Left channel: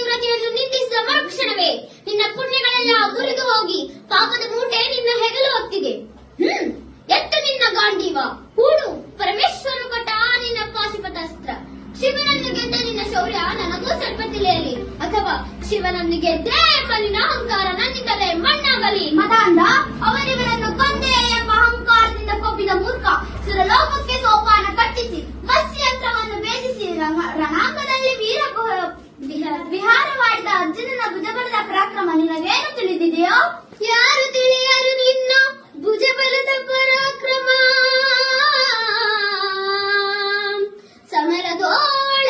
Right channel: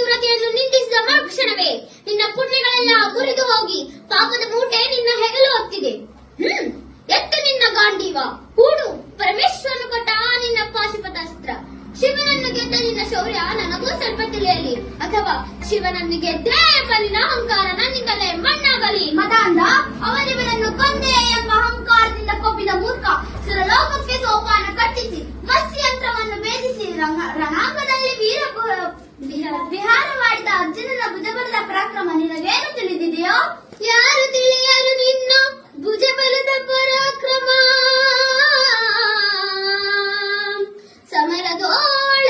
ಪತಿವ್ರತೆಯನ್ನು ನಿಂದಿಸಿದ ಮರುಕ್ಷಣವೇ. ನಿನ್ನ ಪುಣ್ಯಗಳೆಲ್ಲ ಮುರಿದು ಹೋಗಿ ಪಾಪದ ಮೂಟೆ ನಿನ್ನ ಹೆಗಲು ಹೊತ್ತಿದೆ. ಹ್ಮ್, ಎತ್ತ ನಿನ್ನ ಗಾಂಡೀವ. ಹೂಡು ಪರಮೇಶ್ವರನು ಕೊಟ್ಟ ನಿನ್ನ ಪಾಶುಪತಾಸ್ತ್ರ ಶಿವನನ್ನು ಗೆದ್ದ ನಿನ್ನ ಶೌರ್ಯ ನನಗೂ ಸ್ವಲ್ಪ ತಿಳಿಯಲಿ. ಅಥವಾ ಶಿವನನ್ನು ಗೆದ್ದೆ ನಿನ್ನ ಅಹಂಕಾರ ನನ್ನಿಂದಲೇ ಮಣ್ಣಾಗಲಿ. ಮದಾಂಧ, ಅವನಿವನನ್ನು ಕೊಂದೆ ಎಂಬ ಅಹಂಕಾರದಿಂದ ಕೊಬ್ಬಿದ ಮೂರ್ಖ ಸುರಲೋಕಕ್ಕೆ ಸೋಪಾನ ಗೋಳ